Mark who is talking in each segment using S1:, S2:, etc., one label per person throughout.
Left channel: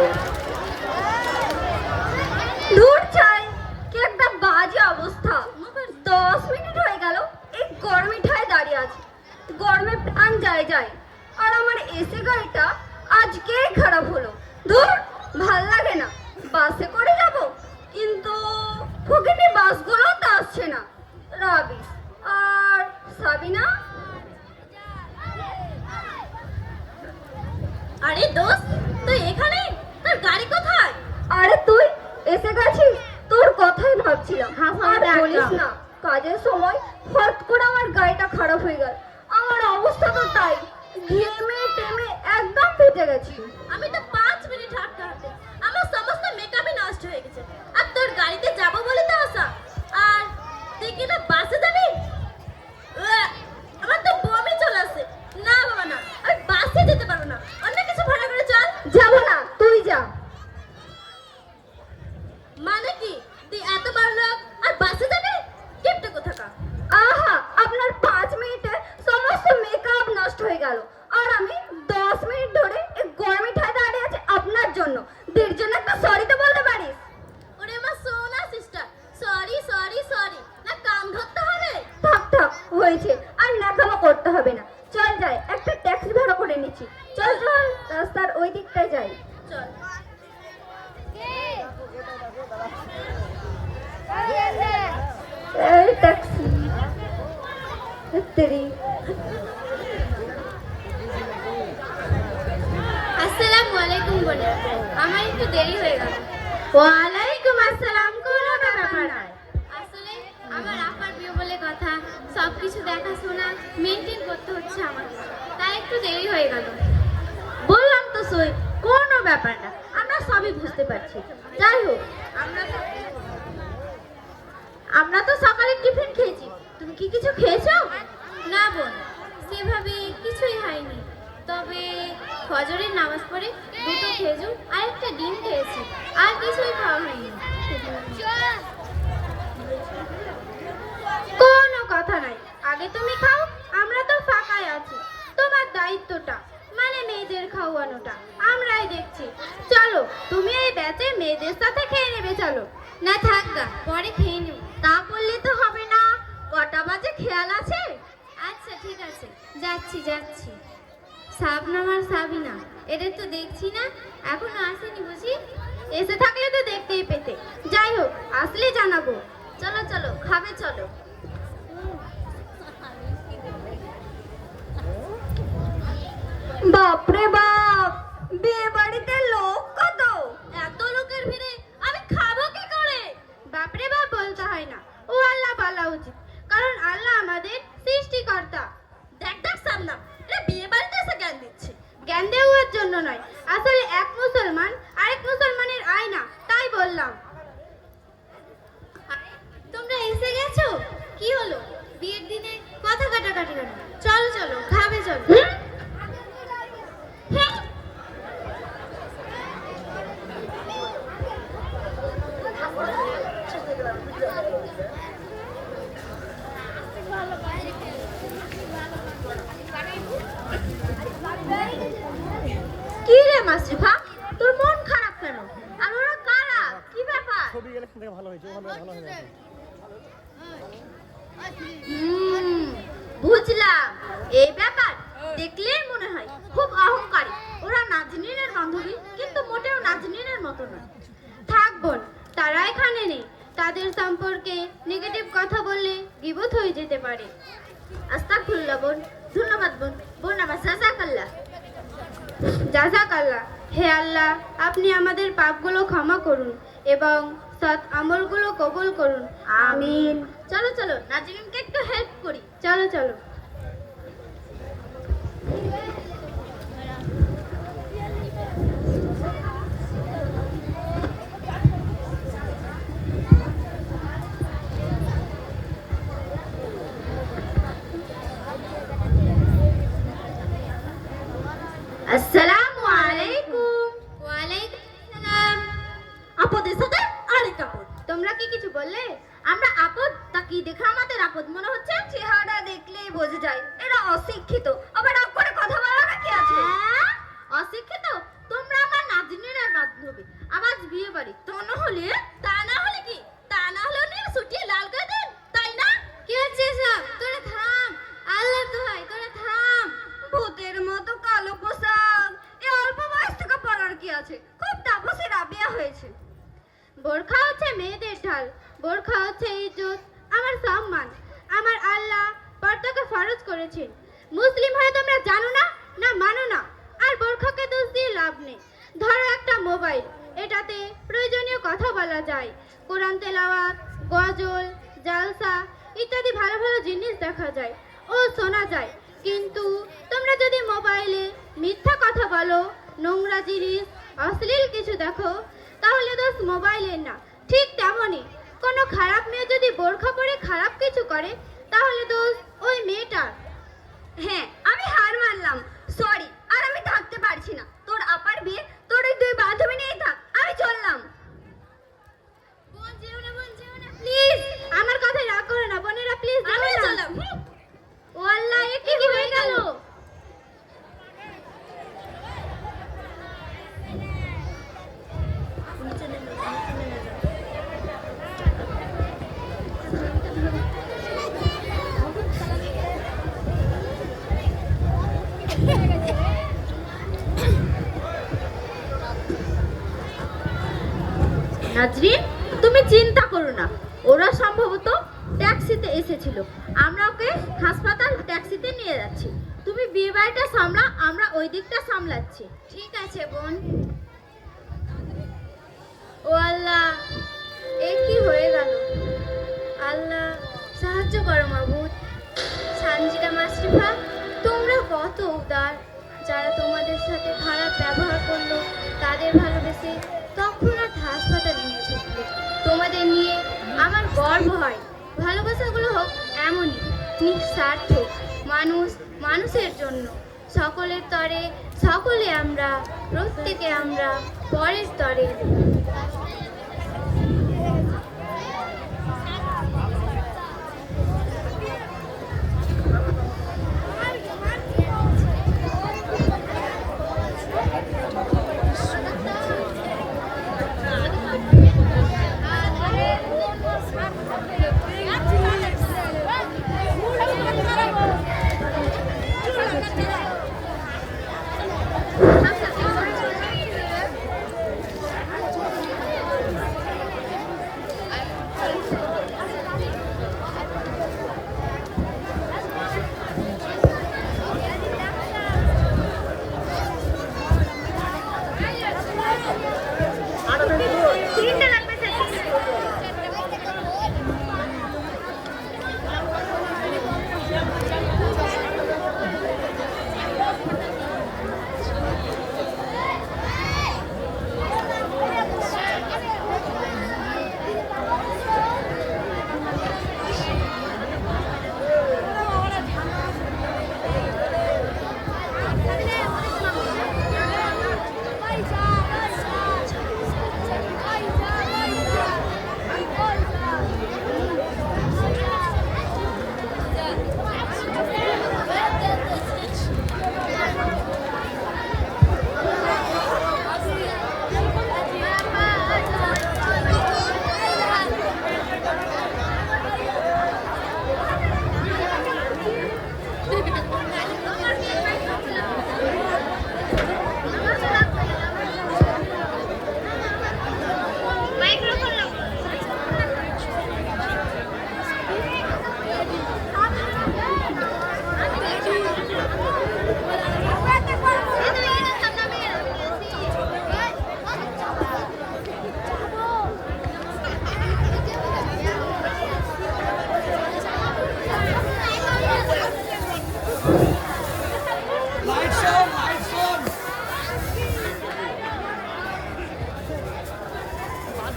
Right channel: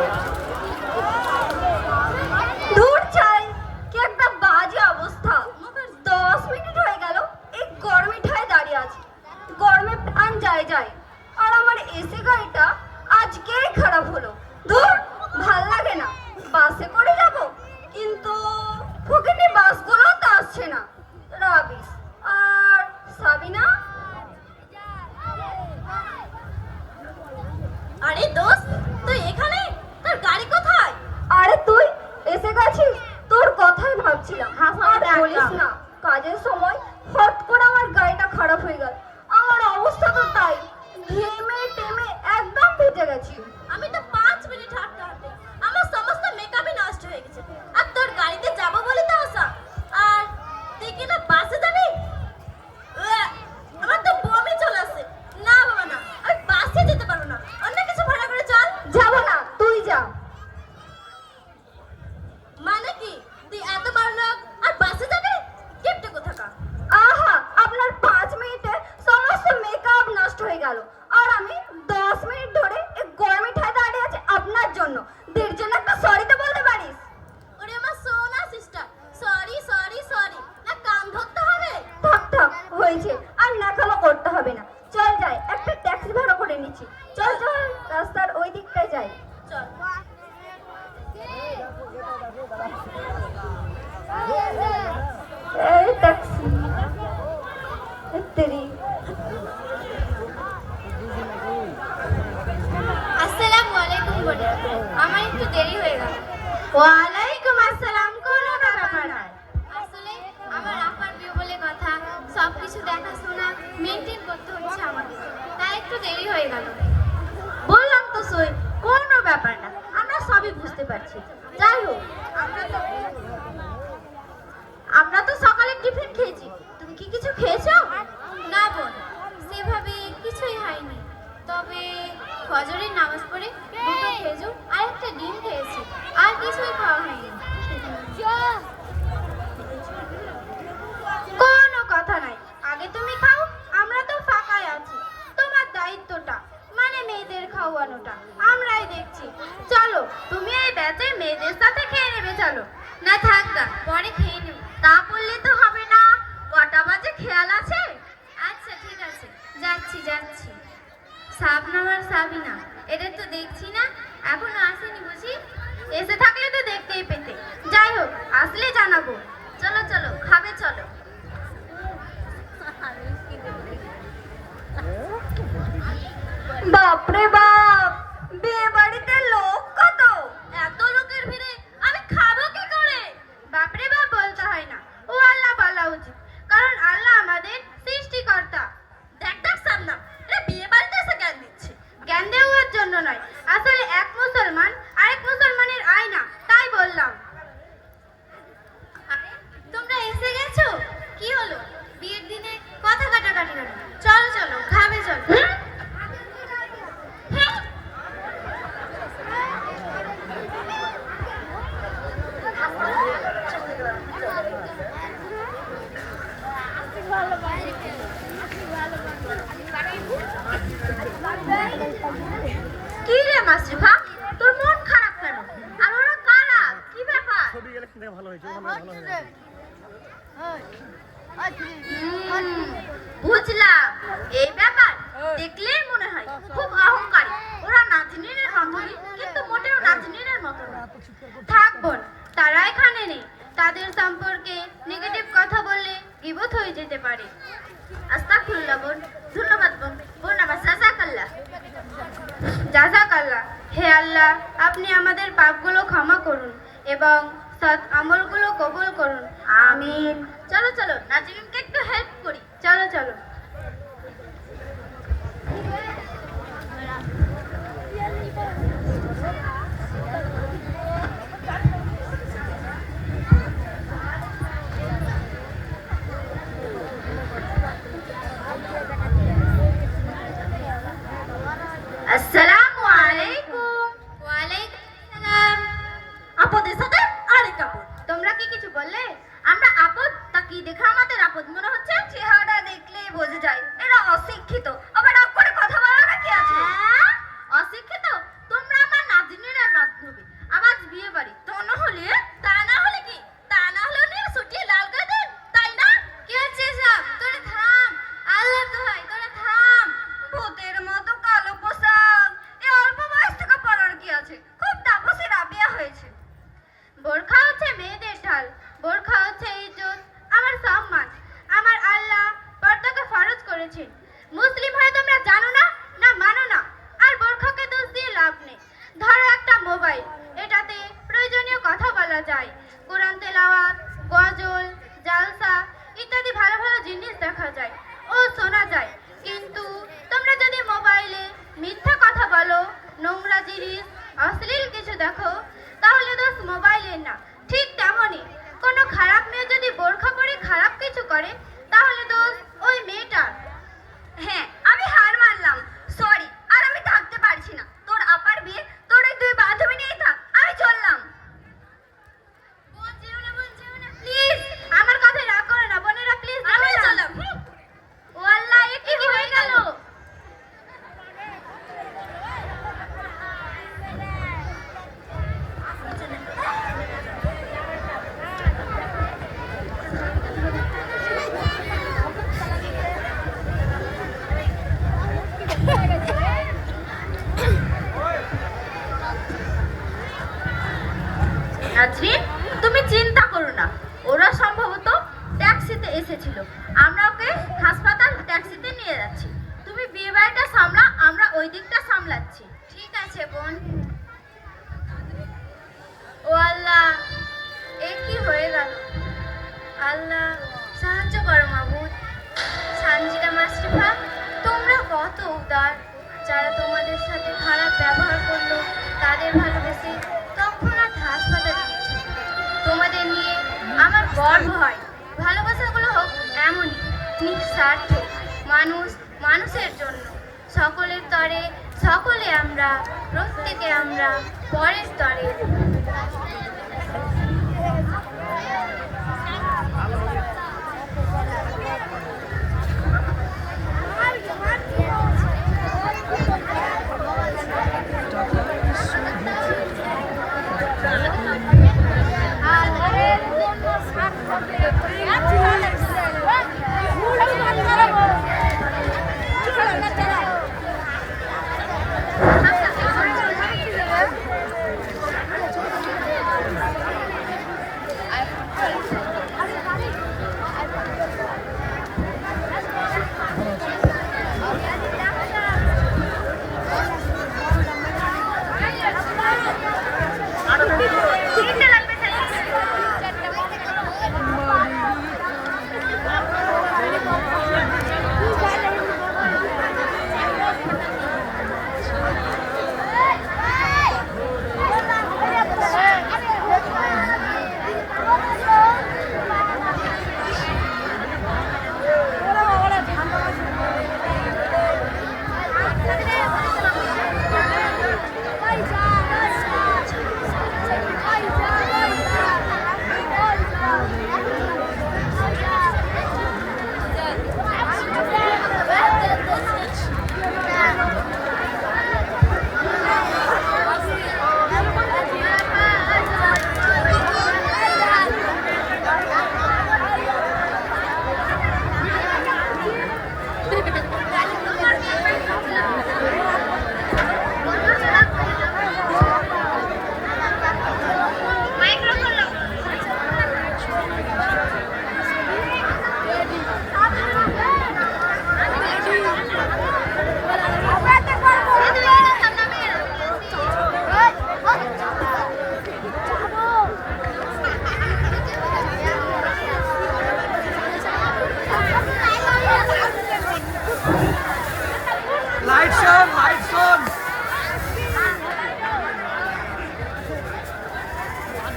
S1: করবেন কাজের সময় হট করে আমার গায়েটা খারাপ হয়ে গেল। আমার অবস্থা তো তাই। ঘেমে টেমে একদম ফেটে গেছি।
S2: আমি তো পাঁচ মিনিট হাঁটতে হাঁটতে আমার সমস্ত মেকআপই নষ্ট হয়ে গেছে। আর তোর গাড়িতে যাব বলে তো আসা আর তুই কি না বাসে যাবি? আমার তো বমি চলে আসে না বাবা না। আর বাসে যেতে পারব না। অন্য কিছু ভাড়া করে চল।
S1: যাব না তুই যা।
S2: মানে কি? তুই এত বার ফজরের নামাজ পড়ে দুটো খেজুর আর একটা ডিম খেয়েছি। আর কিছুই খাওয়া হয়নি। কোনো কথা নাই। আগে তুমি খাও আমরা তো ফাঁকায় আছি। তোমার দায়িত্বটা মানে মেয়েদের খাওয়ানোটা আমরাই দেখছি। চলো তুমি এই ব্যাচে মেয়েদের সাথে খেয়ে নেবে চলো। না থাক না পরে খেয়ে নেব তা বললে তো হবে না। কটা বাজে খেয়াল আছে? আচ্ছা ঠিক আছে। যাচ্ছি যাচ্ছি। সাবনাম আর সাবিনা। এটা তো দেখছি না এখনও আসেনি Yeah. যায়। কোরআন তেলাওয়াত,
S3: গজল, জালসা ইত্যাদি ভালো ভালো
S2: জিনিস দেখা
S1: যায় ও শোনা যায়। কিন্তু তোমরা যদি মোবাইলে মিথ্যা কথা
S2: বলো, নোংরা জিনিস, অশ্লীল কিছু দেখো, তাহলে দোষ মোবাইলের না। ঠিক তেমনই কোনো খারাপ মেয়ে যদি বোরখা পরে খারাপ কিছু করে, তাহলে দোষ ওই মেয়েটা
S1: হ্যাঁ আমি হার মানলাম। সরি
S2: বাড়িটা সামলা, আমরা ওই দিকটা সামলাচ্ছি। ঠিক আছে, বোন। ও আল্লাহ, এ কি হয়ে গেল? আল্লাহ, সাহায্য করো মাহমুদ সানজিদা মাসরিফা তোমরা কত উদার। যারা তোমাদের সাথে খারাপ ব্যবহার করল, তাদের ভালোবেসে তৎক্ষণাৎ হাসপাতালে নিয়েছে তোমাদের নিয়ে আমার গর্ব হয়। ভালোবাসাগুলো হোক এমনই, নিঃস্বার্থ। মানুষ মানুষের জন্য। সকলের তরে সকলে আমরা প্রত্যেকে আমরা পরের স্তরে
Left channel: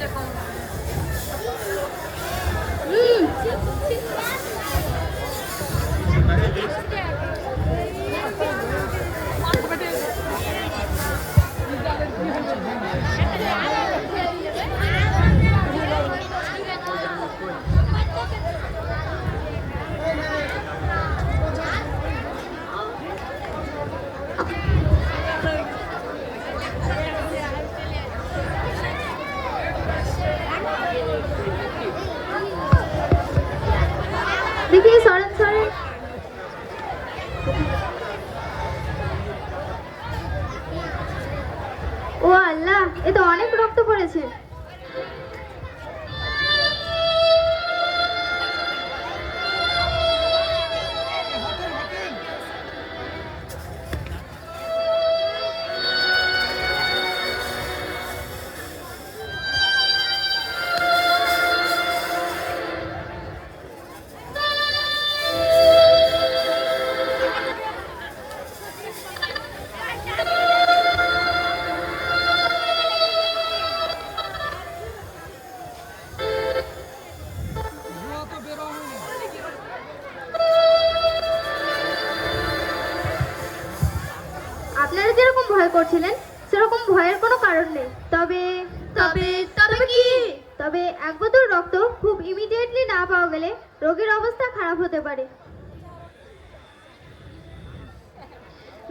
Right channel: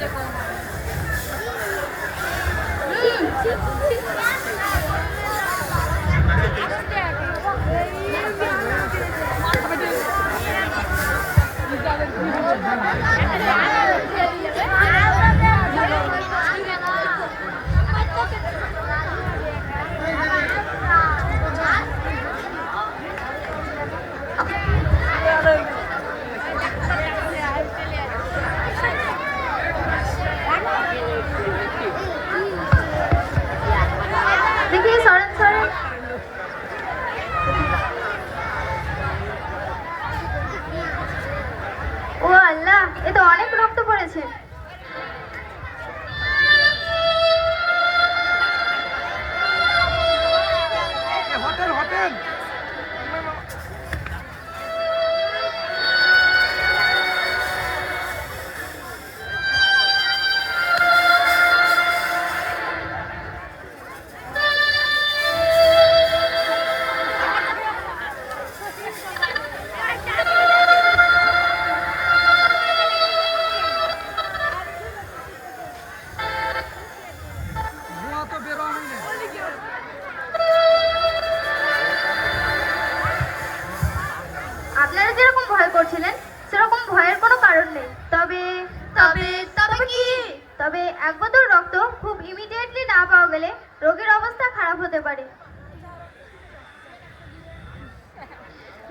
S2: দেখি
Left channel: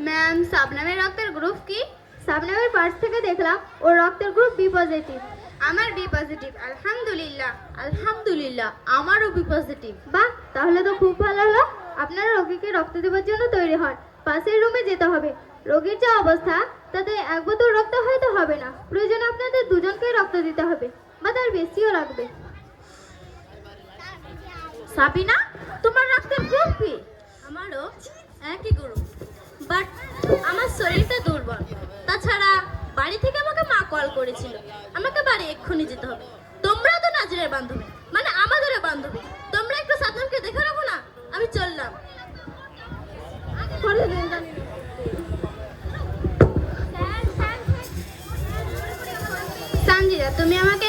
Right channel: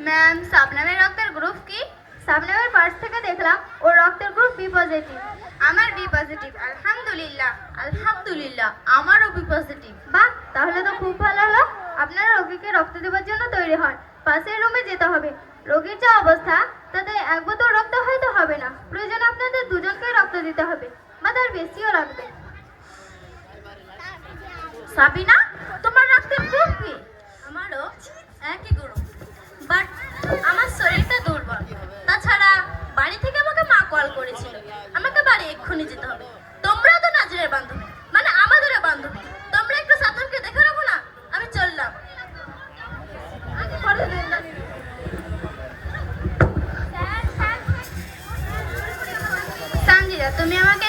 S2: ম্যাম সাবনামের রক্তের গ্রুপ কি? সাবনামের পার্স থেকে দেখলাম ওর রক্তের গ্রুপ বি পজিটিভ আমার বি পজিটিভ আলহামদুলিল্লাহ। আলহামদুলিল্লাহ আমারও বি পজিটিভ বাহ তাহলে তো খুব ভালো হলো। আপনারা রোগীকে রক্ত দেওয়ার জন্য তৈরি হন। পাশের রুমে যেতে হবে। রোগীর যা অবস্থা তাতে এক বোতল রক্ত হয়তো হবে না। প্রয়োজনে আপনাদের দুজনকে রক্ত দিতে হবে বা তার বেশিও লাগবে। সাবিনা তোমার রক্তের গ্রুপ কি? আমারও একই গ্রুপ আমার শরীরটা দুর্বল। তাছাড়া বাড়ি থেকে আমাকে মা কল করেছিল। আমাকে বাড়ি এক্ষুনি যেতে হবে। তোমরা তো নাজিরের বান্ধবী। মানে আমাদেরও বান্ধবী। তোমরা একটু সাধনকে দেখে রাখো না আমি চললাম। তুমি আমাকে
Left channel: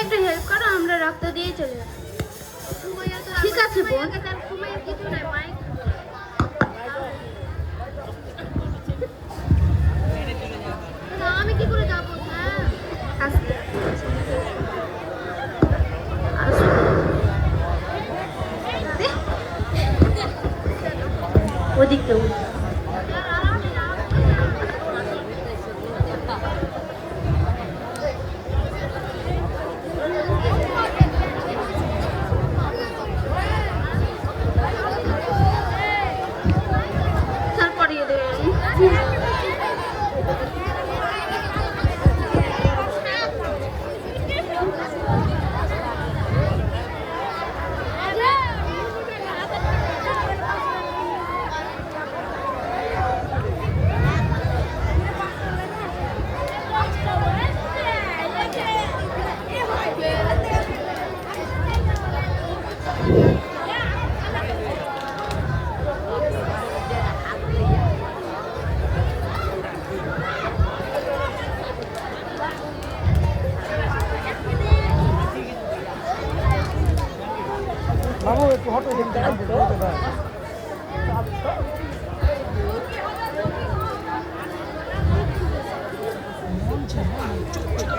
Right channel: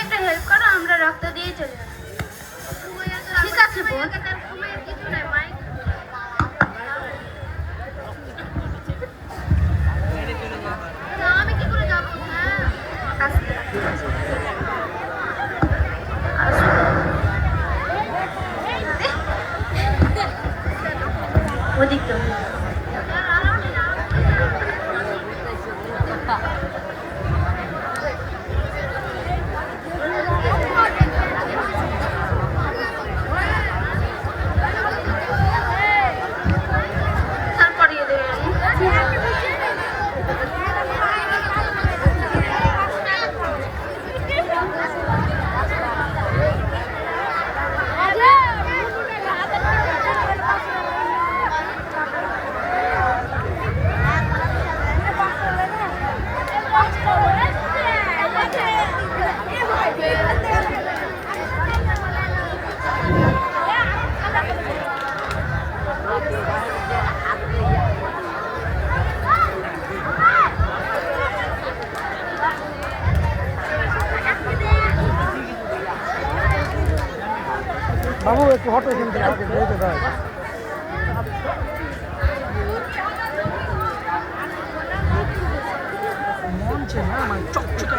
S3: হচ্ছে না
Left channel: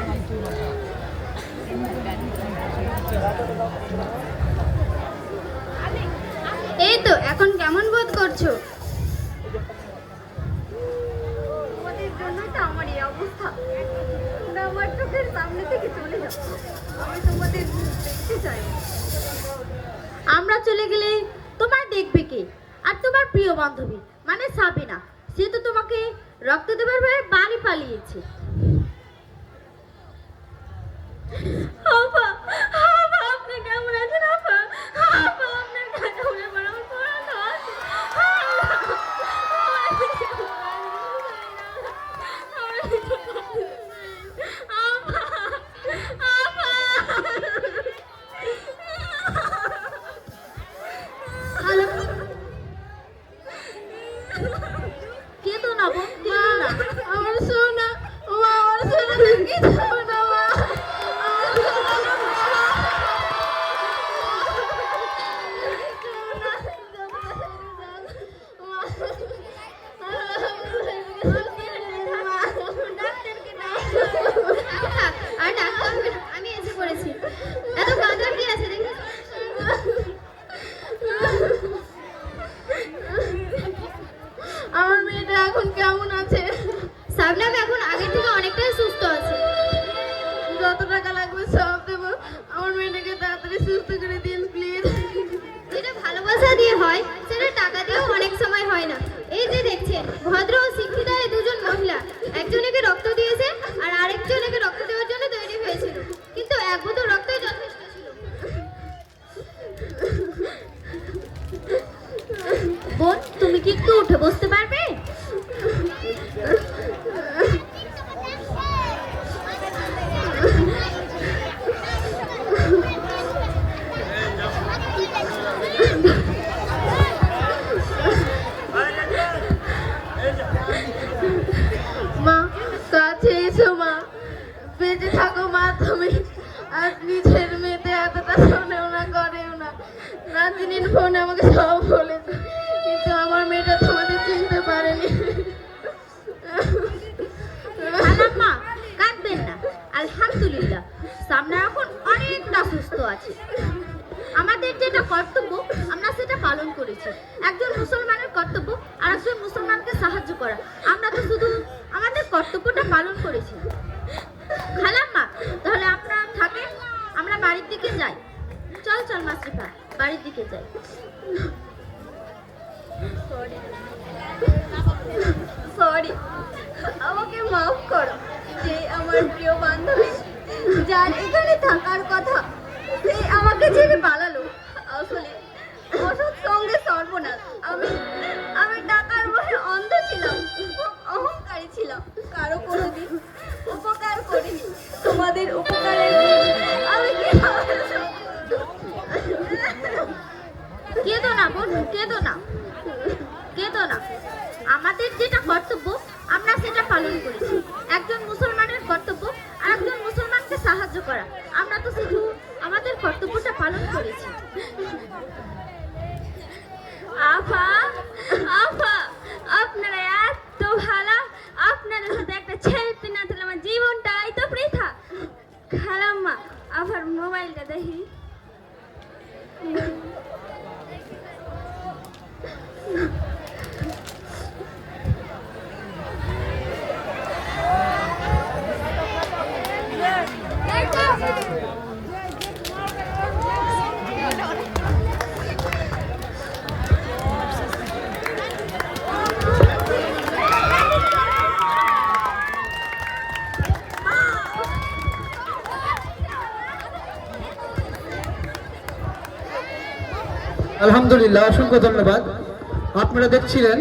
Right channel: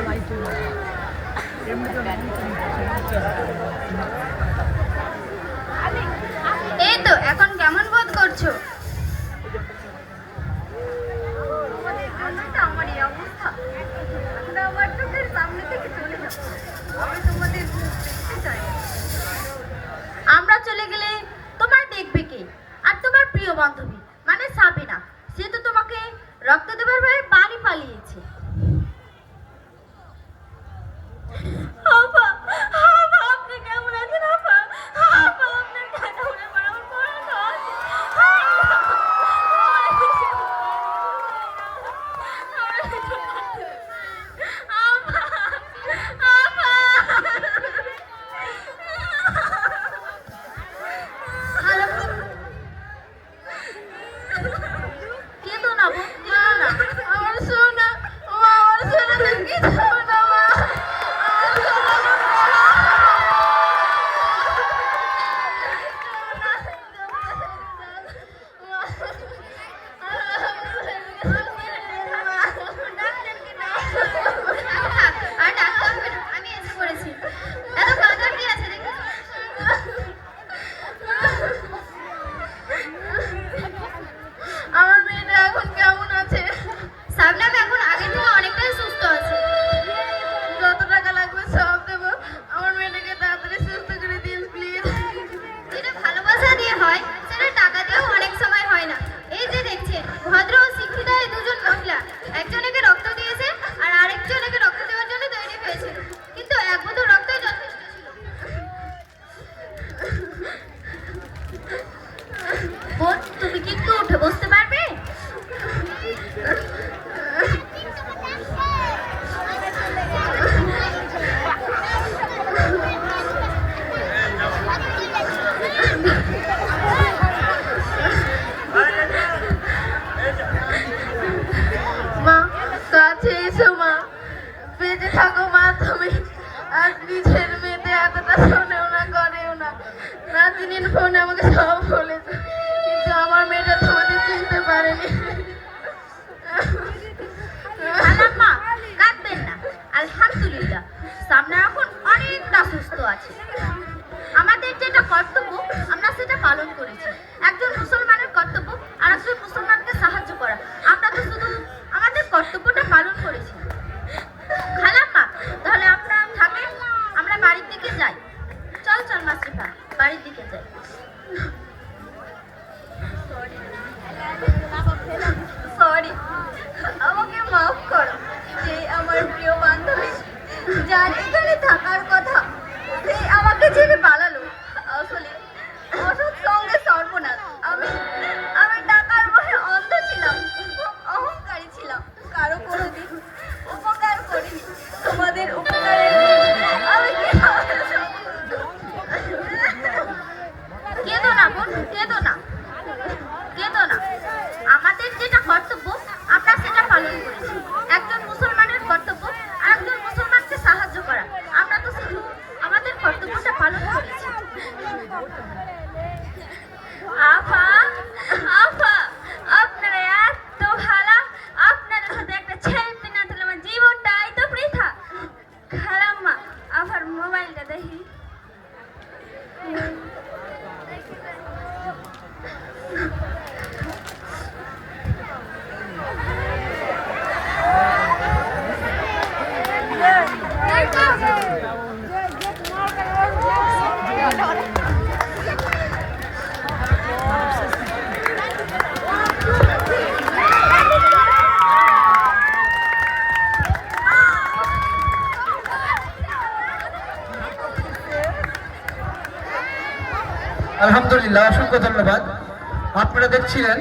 S3: লাইট
S2: এই তো এখন কেমন বোধ করছ?
S1: Oh.
S4: আলহামদুলিল্লাহ অসংখ্য ধন্যবাদ। আপনারা দেখছিলেন